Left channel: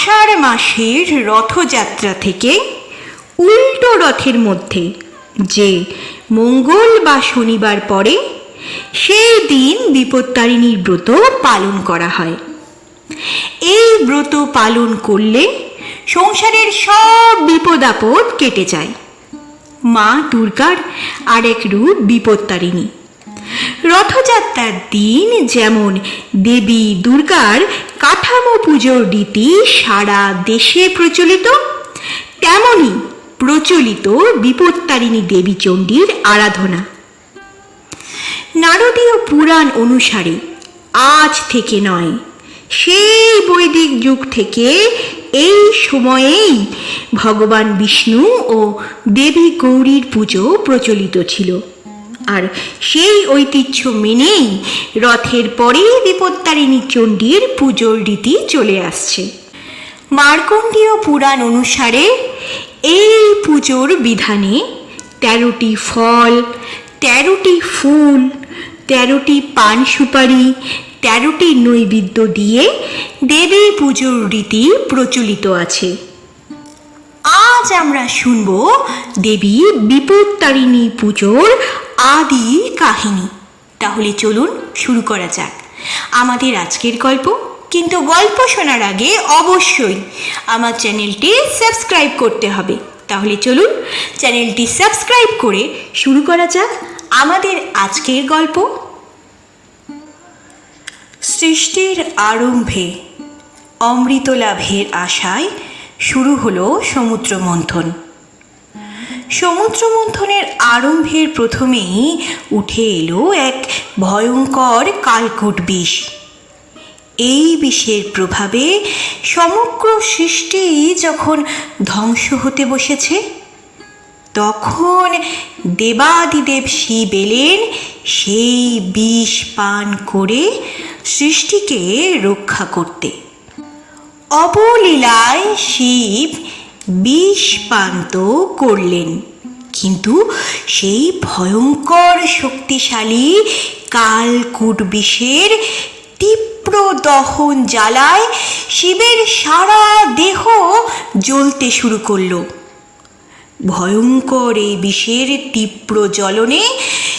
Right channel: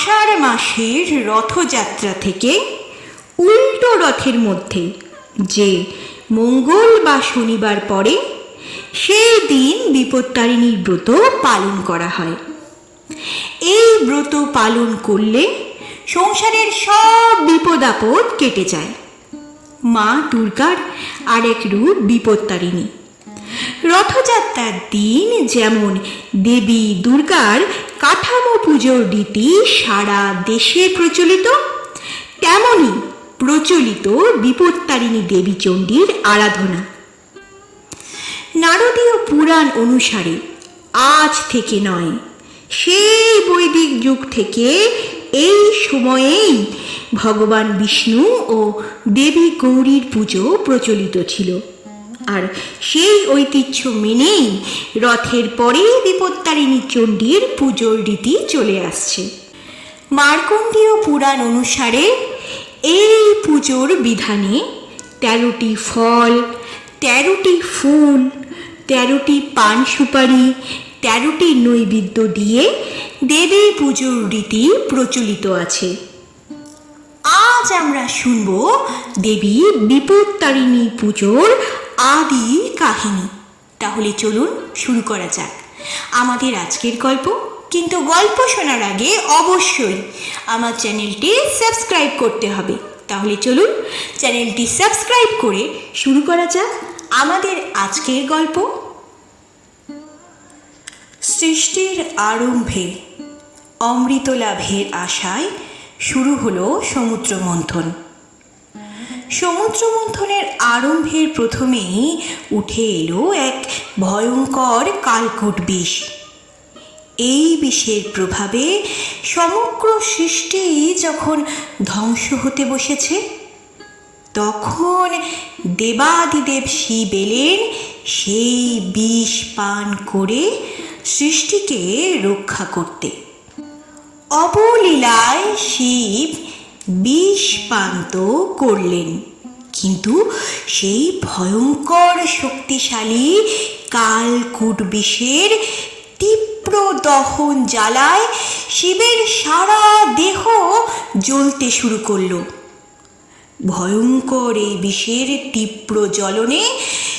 আষাঢ় মাসের রথযাত্রা থেকে উল্টো রথের মধ্যে যে মঙ্গল বা শনিবার পরে সেই দিন বিপত্তারিণীর ব্রত পালন করা হয়। এই ব্রত পালন করলে সংসারের সব বিপদ আপদ কেটে যায়। মা দুর্গার আরেক রূপ বিপত্তারিণী রথযাত্রার দিন যেমন দেবী দুর্গার কাঠামো পুজোর রীতি সারা দেশে প্রচলিত তেমনই প্রচলিত বিপত্তারিণী দেবী চণ্ডীর আরাধনা। নারদীয় পুরাণ অনুসারে আজ থেকে নয়, সেই বৈদিক যুগ থেকে এই সময়েই ভগবান বিষ্ণু ও দেবী গৌরীর পুজো প্রচলিত ছিল। আর সেই ঐতিহ্য মেনেই রথের পরে বিপত্তারিণী চণ্ডীর পুজোর রীতি চলে আসছে। মার্কণ্ডীয় পুরাণ অনুসারে এই পুজোর বিধানে তেরোটি ফল, তেরোটি ফুল, তেরোটি পান সুপারি, তেরোটি নৈবেদ্য দিয়ে দেবী পুজোর রীতি প্রচলিত আছে। আজ আমরা শুনব দেবী বিপত্তারিণী পুজোর আদি কাহিনী। তাহলে চলুন শুরু করা যাক। আমাদের আজকের গল্প, কিন্তু গল্প শোনার আগে অবশ্যই আমার চ্যানেলটি সাবস্ক্রাইব করতে হবে। তাহলে চলুন চ্যানেলটি সাবস্ক্রাইব করে শুরু করা যাক আমাদের আজকের গল্প। সৃষ্টির আরম্ভে অমৃত লাভের আশায় শুরু হলো সমুদ্র মন্থন সমুদ্র মন্থনের আরম্ভের প্রথমেই উঠে এলো এক ভয়ঙ্কর কালকুট বিষ। এই বিষের প্রভাবে সমগ্র সৃষ্টি যখন ধ্বংস হতে বসেছে, তখন দেবাদিদেব শিব এলেন, সেই বিষ পান করে সৃষ্টিকে রক্ষা করতে। অবলীলায় শিব বিষ করলেন। কিন্তু সেই ভয়ঙ্কর শক্তিশালী কালকুট বিষের তীব্র দহন জ্বালায় শিবের সারা দেহ জ্বলতে শুরু করল। ভয়ঙ্কর এই বিষের তীব্র জ্বলনে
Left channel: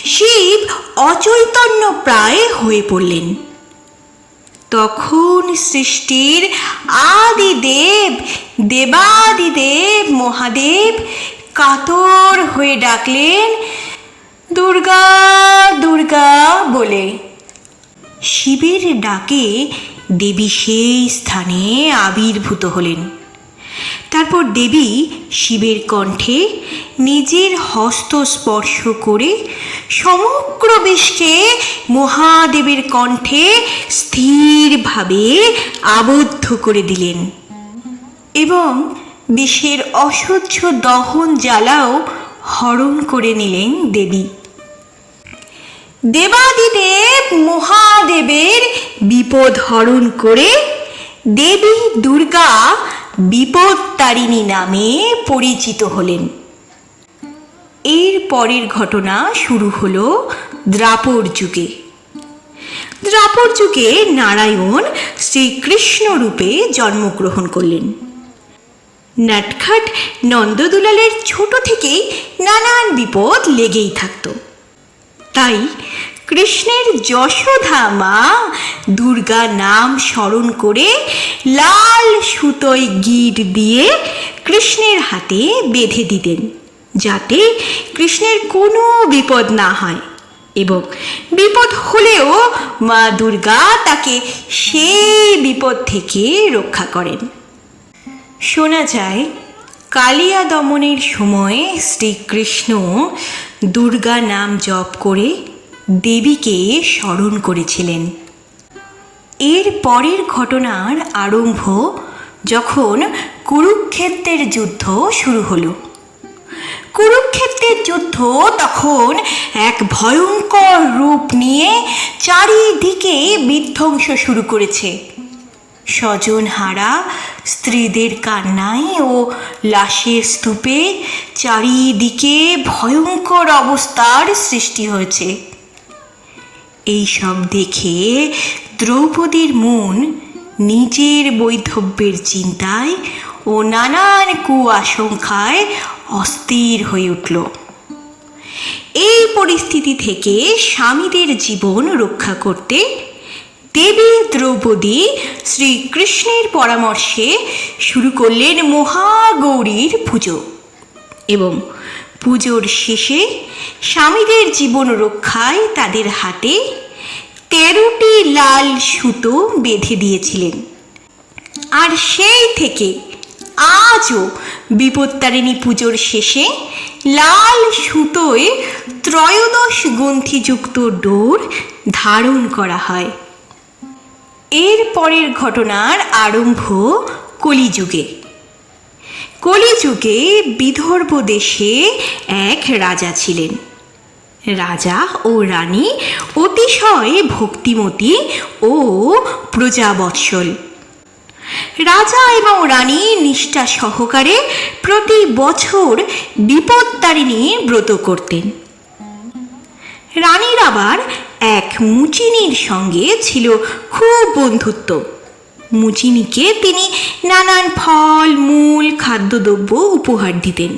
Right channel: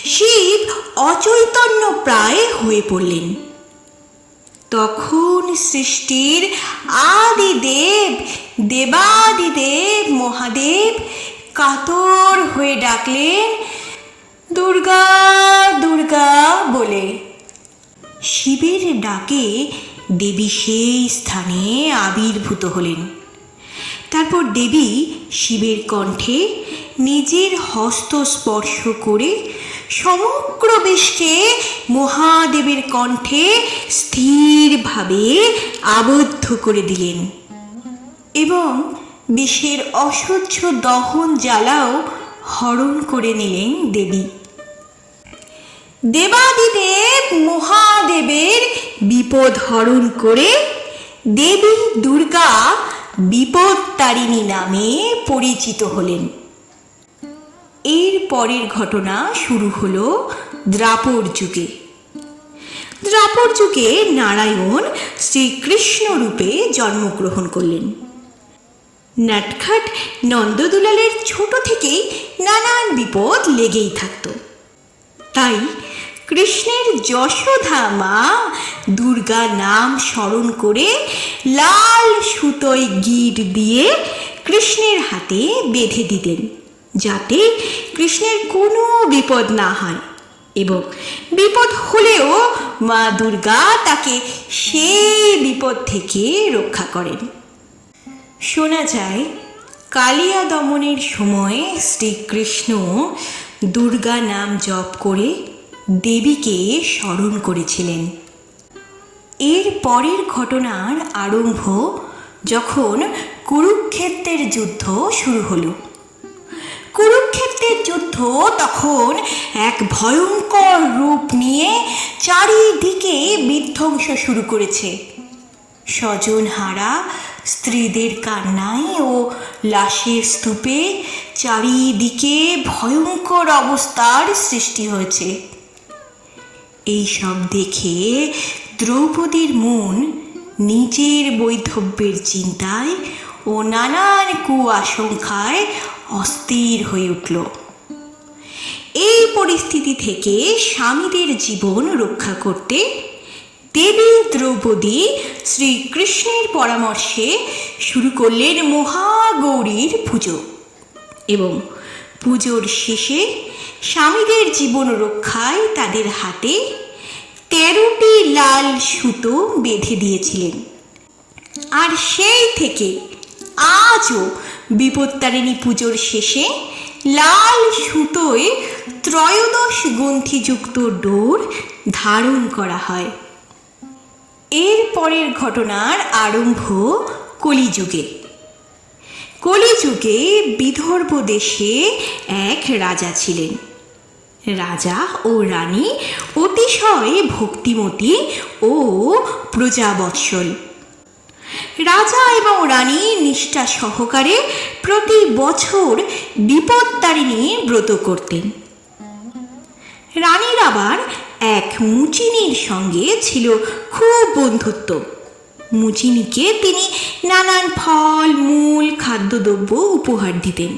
শিব অচৈতন্য প্রায় হয়ে পড়লেন। তখন সৃষ্টির আদিদেব, দেবাদিদেব, মহাদেব কাতর হয়ে ডাকলেন, দুর্গা দুর্গা বলে। শিবের ডাকে দেবী সেই স্থানে আবির্ভূত হলেন। তারপর দেবী শিবের কণ্ঠে নিজের হস্ত স্পর্শ করে সমগ্র বিশ্বে মহাদেবের কণ্ঠে স্থিরভাবে আবদ্ধ করে দিলেন। এবং বিষের অসহ্য দহন জ্বালাও হরণ করে নিলেন দেবী। দেবাদিদেব মহাদেবের বিপদ হরণ করে দেবী দুর্গা বিপত্তারিণী নামে পরিচিত হলেন। এর পরের ঘটনা শুরু হলো দ্রাপর যুগে। দ্রাপর যুগে নারায়ণ শ্রীকৃষ্ণ রূপে জন্মগ্রহণ করলেন। নাটখাট নন্দদুলালের ছোট থেকেই নানান বিপদ লেগেই থাকত। তাই কৃষ্ণের যশোধা মা দুর্গা নাম স্মরণ করে লাল সুতোয় গিট দিয়ে কৃষ্ণের হাতে বেঁধে দিতেন। যাতে কৃষ্ণের কোনো বিপদ না হয়। এবং বিপদ হলেও মা দুর্গা তাকে সেই বিপদ থেকে রক্ষা করেন। শোনা যায়, কালিয়া দমনের সময় শ্রীকৃষ্ণ দুর্গা নাম জপ করে দেবীকে স্মরণ করেছিলেন। এর পরের ঘটনার আরম্ভ যখন কুরুক্ষেত্রের যুদ্ধ শুরু হলো। কুরুক্ষেত্রের যুদ্ধ তখন এক ভয়ঙ্কর রূপ নিয়ে চারিদিকে বিধ্বংস শুরু করেছে। স্বজন হারা, স্ত্রীদের কান্নায় ও লাশের স্তূপে চারিদিকে ভয়ঙ্কর অবস্থার সৃষ্টি হয়েছে। এই সব দেখে দ্রৌপদীর মন নিজের বৈধব্যের চিন্তায় ও নানান কুয়াশঙ্কায় অস্থির হয়ে উঠল। এই পরিস্থিতি থেকে স্বামীদের জীবন রক্ষা করতে দেবী দ্রৌপদী শ্রীকৃষ্ণের পরামর্শে শুরু করলেন মহাগৌরীর পুজো এবং পুজোর শেষে স্বামীদের জীবন রক্ষায় তাদের হাতে তেরোটি লাল সুতো বেঁধে দিয়েছিলেন। আর সেই থেকে আজও বিপত্তারিণী পুজোর শেষে লাল সুতোয় ত্রয়োদশ গ্রন্থিযুক্ত ডোর ধারণ করা হয়। এর পরের ঘটনার আরম্ভ কলিযুগে। কলিযুগে বিদর্ভ দেশে এক রাজা ছিলেন। রাজা ও রানী অতিশয় ভক্তিমতী ও প্রজাবৎসল। রাজা এবং রানী নিষ্ঠা সহকারে প্রতি বছর বিপত্তারিণী ব্রত করতেন। রানীর আবার এক মুচিনির সঙ্গে ছিল খুব বন্ধুত্ব। মুচিনিকে তিনি নানান ফল, মূল, খাদ্যদ্রব্য উপহার দিতেন।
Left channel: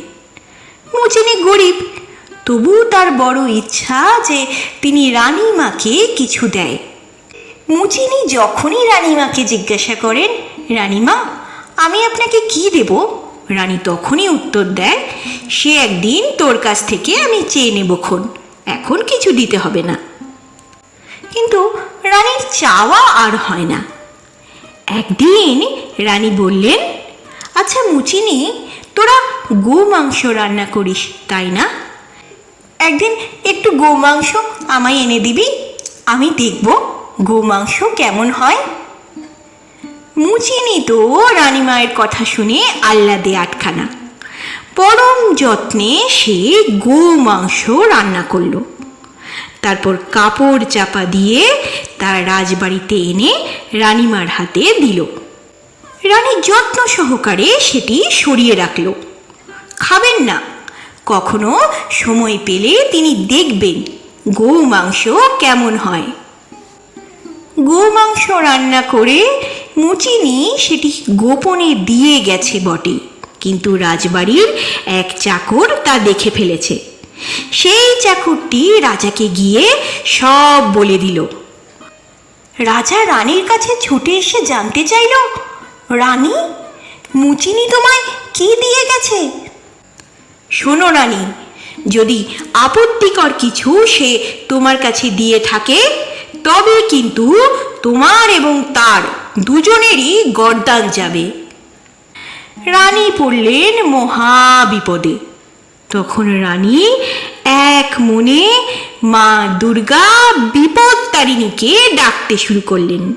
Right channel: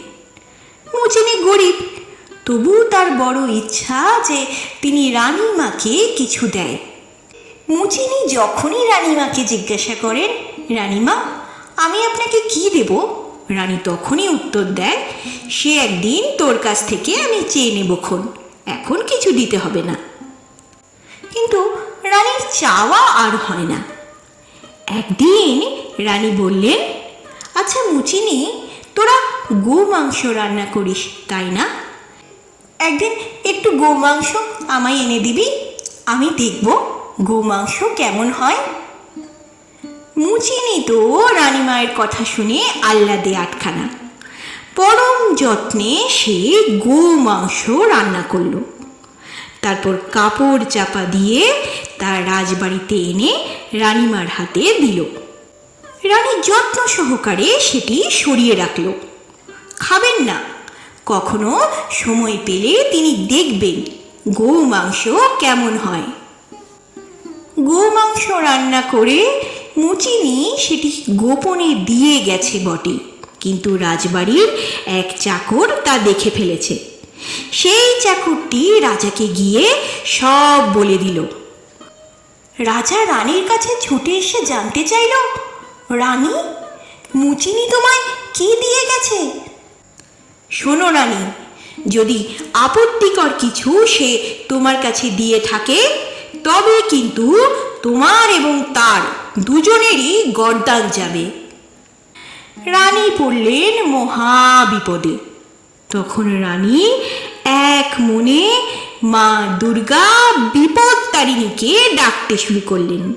মুচিনি গরিব তবু তার বড় ইচ্ছা যে তিনি রানীমাকে কিছু দেয়। মুচিনি যখনই রানীমাকে জিজ্ঞাসা করেন রানীমা, আমি আপনাকে কি দেব? রানী তখনই উত্তর দেয়, সে একদিন তোর কাছ থেকে আমি চেয়ে নেবক্ষণ এখন কিছু দিতে হবে না। কিন্তু রানীর চাওয়া আর হয় না। একদিন রানী বললেন আচ্ছা মুচিনি, তোরা গো মাংস রান্না করিস, তাই না? একদিন একটু গো মাংস আমায় এনে দিবি, আমি দেখব গো মাংস কেমন হয়। মুচিনি তো রানীমায়ের কথা শুনে আহ্লাদে আটখানা। পরম যত্নে সে গো মাংস রান্না করল। তারপর কাপড় চাপা দিয়ে তার রাজবাড়িতে এনে রানীমার হাতে দিল। রানী যত্ন সহকারে সেটি সরিয়ে রাখল। খাবেন না, কখনো সময় পেলে তিনি দেখবেন গো মাংস কেমন হয়। গো মাংস রান্না করে মুচিনি সেটি গোপনে দিয়ে গেছে বটে। কিন্তু রাজবাড়ির এক চাকর তা দেখে ফেলেছে। সেই চাকরটি রাজাকে গিয়ে সব বলে দিল। রাজা রানীর কাছে ছুটে এসে জানতে চাইল, রানী মুচিনি তোমায় কি দিয়ে গেছে? শোনো রানী, যদি আপত্তিকর কিছু সে তোমার কাছে দিয়ে থাকে, তবে কিন্তু তোমার এবং তার দুজনেরই গরদান যাবে। রানী পড়লেন মহা বিপদে তখন রানী এক মনে মা দুর্গা বিপদ তারিণীকে ডাকতে শুরু করলেন।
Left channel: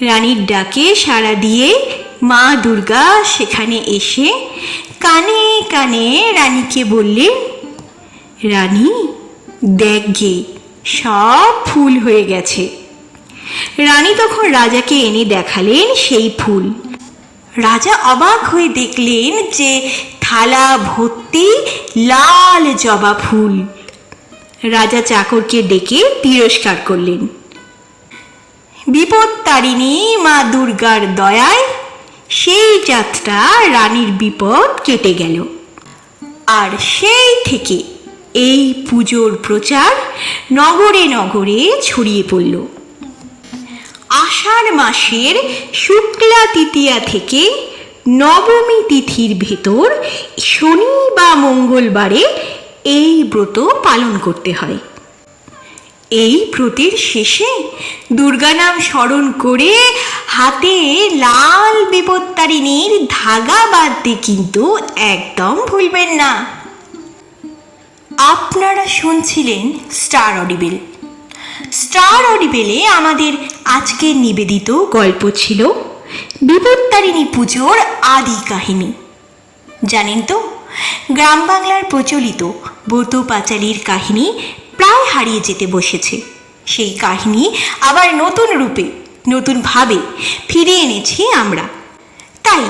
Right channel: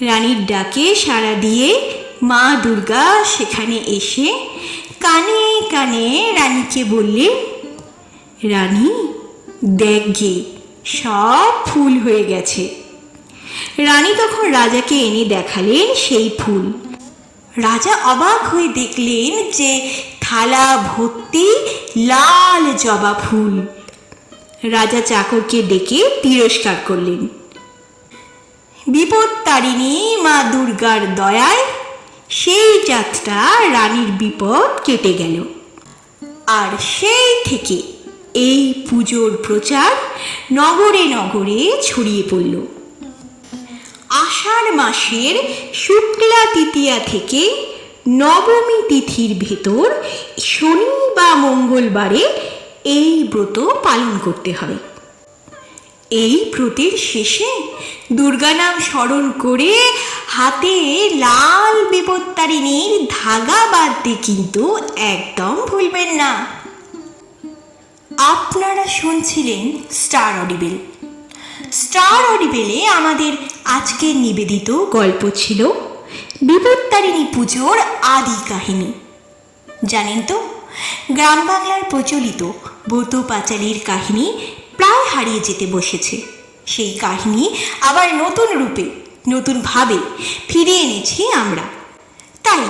রানীর ডাকে সাড়া দিয়ে মা দুর্গা সেখানে এসে কানে কানে রানীকে বললেন, রানী, দেখ গে, সব ফুল হয়ে গেছে। রানী তখন রাজাকে এনে দেখালেন সেই ফুল। রাজা অবাক হয়ে দেখলেন যে থালা, ভর্তি, লাল জবা ফুল। রাজা চাকরকে ডেকে তিরস্কার করলেন। বিপদ তারিণী মা দুর্গার দয়ায় সেই যাত্রা রানীর বিপদ কেটে গেল। আর সেই থেকে এই পুজোর প্রচার নগরে নগরে ছড়িয়ে পড়ল। আষাঢ় মাসের শুক্লা তৃতীয়া থেকে নবমী তিথির ভেতর শনি বা মঙ্গলবারে এই ব্রত পালন করতে হয়। এই ব্রতের শেষে দুর্গা নাম স্মরণ করে হাতে লাল বিপত্তারিণীর ধাগা বাঁধতে কিন্তু একদম ভুলবেন না। আপনারা শুনছিলেন স্টার অডিবেল। স্টার অডিবেলে আমাদের আজকের নিবেদিত গল্প ছিল বিপত্তারিণী পুজোর আদি কাহিনী। জানেন তো, গ্রাম বাংলার প্রচলিত ব্রত পাঁচালির কাহিনী প্রায় হারিয়ে যেতে বসেছে। সেই কাহিনী আবার নতুন রূপে নতুনভাবে ফিরে এনেছি আমরা। তাই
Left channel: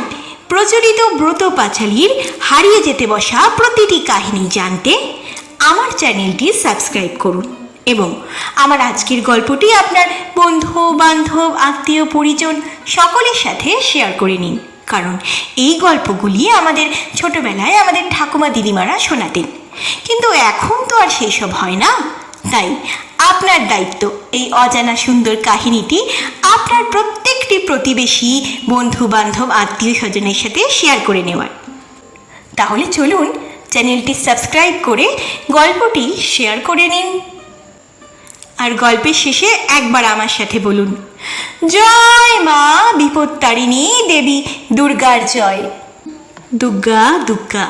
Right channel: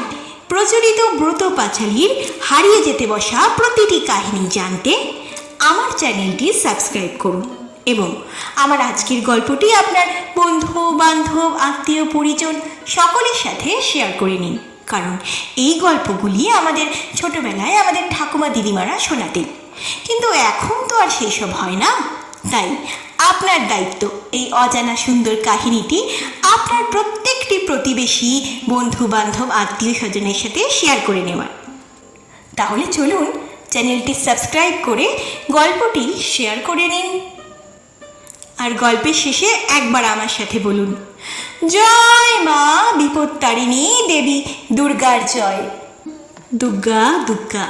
প্রচলিত ব্রত পাঁচালির হারিয়ে যেতে বসা প্রতিটি কাহিনী জানতে আমার চ্যানেলটি সাবস্ক্রাইব করুন। এবং আমার আজকের গল্পটি আপনার বন্ধু, বান্ধব, আত্মীয়, পরিজন সকলের সাথে শেয়ার করে নিন। কারণ এই গল্পগুলি আমাদের ছোটবেলায় আমাদের ঠাকুমা দিদিমারা শোনাতেন। কিন্তু এখন তো আর সেসব হয় না। তাই আপনার দায়িত্ব এই অজানা সুন্দর কাহিনীটি আপনার প্রত্যেকটি প্রতিবেশী, বন্ধু, বান্ধব, আত্মীয় স্বজনের সাথে শেয়ার করে নেওয়ার। তাহলে চলুন চ্যানেলটি সাবস্ক্রাইব করে গল্পটি শেয়ার করে নিন। আর গল্পের শেষে একবার আমার সাথে বলুন। জয় মা বিপত্তারিণী দেবী, দুর্গার জয়। দুর্গা দুর্গা